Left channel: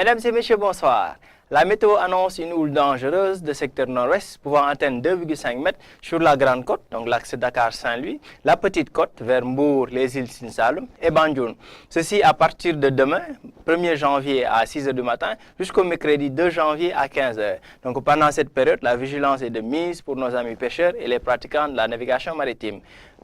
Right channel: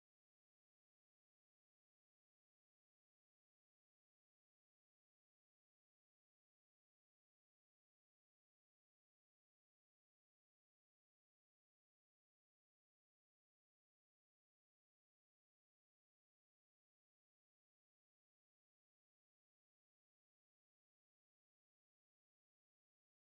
Mesdames et messieurs, bonsoir. La météo annonce une houle dangereuse de secteur nord-ouest pouvant atteindre 2,5 mètres sur la Grande Côte, donc l'axe Dakar-Saint-Louis, la Petite Côte vers Mbour, les îles Sine Saloum et Banjul. Ceci à partir de demain, 1er janvier à 6 h du matin, jusqu'au mercredi 2 janvier à 15 h. Donc pendant cette période, la vigilance est de mise pour nos amis pêcheurs et les pratiquants de la navigation maritime.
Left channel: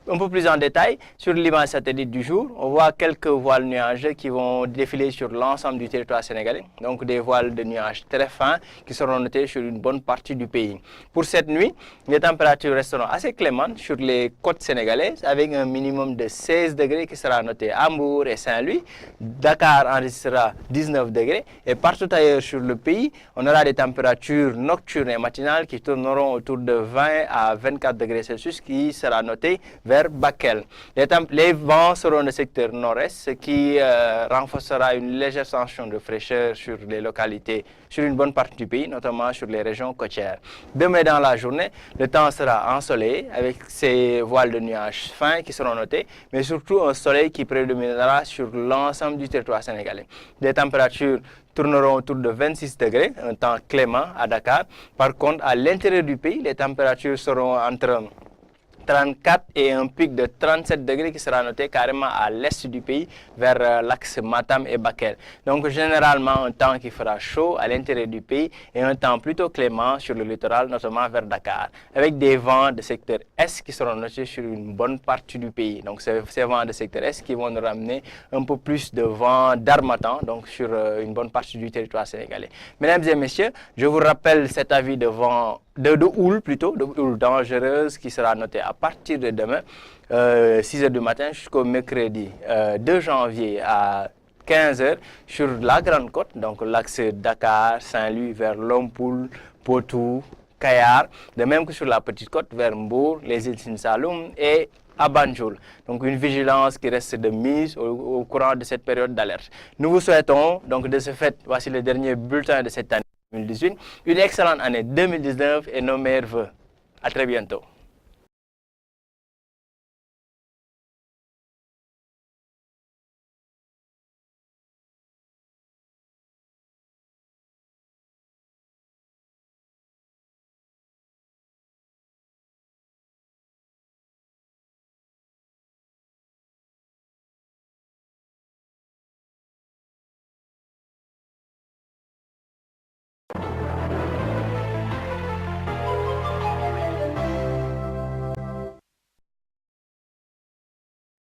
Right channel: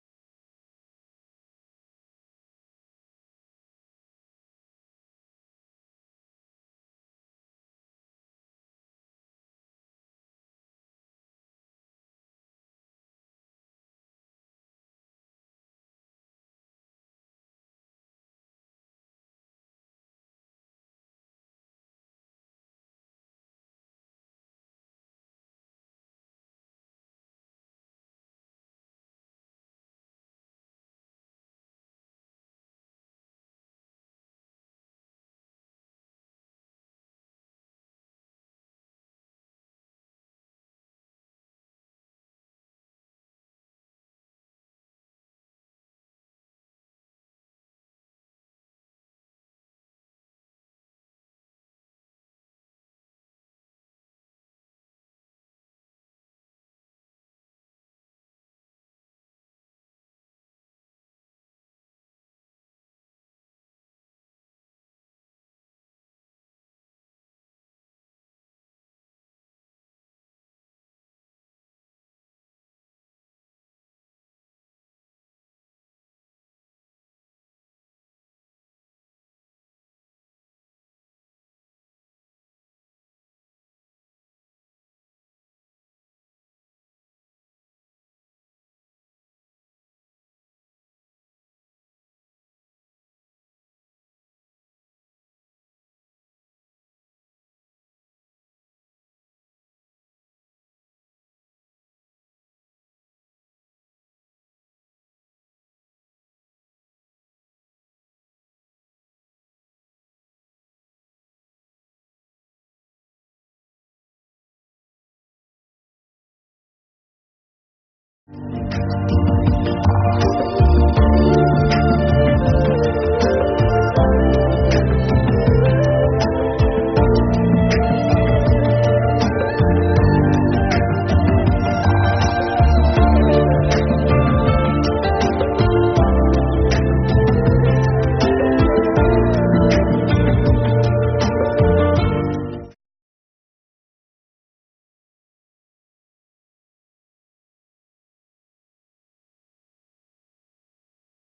Un peu plus en détail, sur l'image satellite du jour, on voit quelques voiles nuageux qui vont défiler sur l'ensemble du territoire sénégalais. Donc des voiles de nuages très fins qui seront notés sur une bonne partie du pays. Pour cette nuit, les températures resteront assez clémentes sur les côtes sénégalaises avec un minimum de 16 degrés qui sera noté à Mbour et Saint-Louis. Dakar enregistrera 19 degrés et partout ailleurs sur le pays, on aura des températures nocturnes et matinales qui tourneront autour de 20 à 24 degrés Celsius qui sera noté vers Bakel. Les vents seront de secteur nord-est, ce qui renforcera une légère tension de fraîcheur sur les localités, sur une bonne partie du pays, notamment sur les régions côtières. Demain dans la journée, le temps sera ensoleillé avec ces voiles de nuages fins qui seront notées, mais surtout un soleil qui prédominera sur l'ensemble du territoire sénégalais. Les températures tourneront autour de 26 degrés, un temps clément à Dakar. Par contre, à l'intérieur du pays, les températures seront entre 34 et un pic de 37 degrés qui sera noté carrément à l'est du pays vers l'axe Matam et Bakel. Donc généralement un temps qui fera chaud à l'intérieur du pays et un temps plutôt clément sur le littoral, notamment vers Dakar, avec des vents de secteur est qui seront notés sur une bonne partie du pays. Donc ces vents de secteur est qui vont nous ramener un peu plus de vent d'harmattan, donc sur une bonne partie du territoire sénégalais. Mesdames et messieurs, je vous rappelle cet avis de vent de houle dangereuse qui sera noté à partir de demain, 6 h du matin jusqu'au mercredi 2 janvier à 15 h sur la Grande Côte, donc l'axe Dakar, Saint-Louis vers Lompoul, Potou, Kayar, de même que sur la Petite Côte vers Mbour, les îles Sine Saloum et à Banjul. Donc une vigilance qui reste de mise au courant de cette période d'alerte. Nous vous souhaitons donc de ce fait, voici le dernier bulletin de cette année 2018, une excellente année 2019 et nos meilleurs vœux. À très bientôt.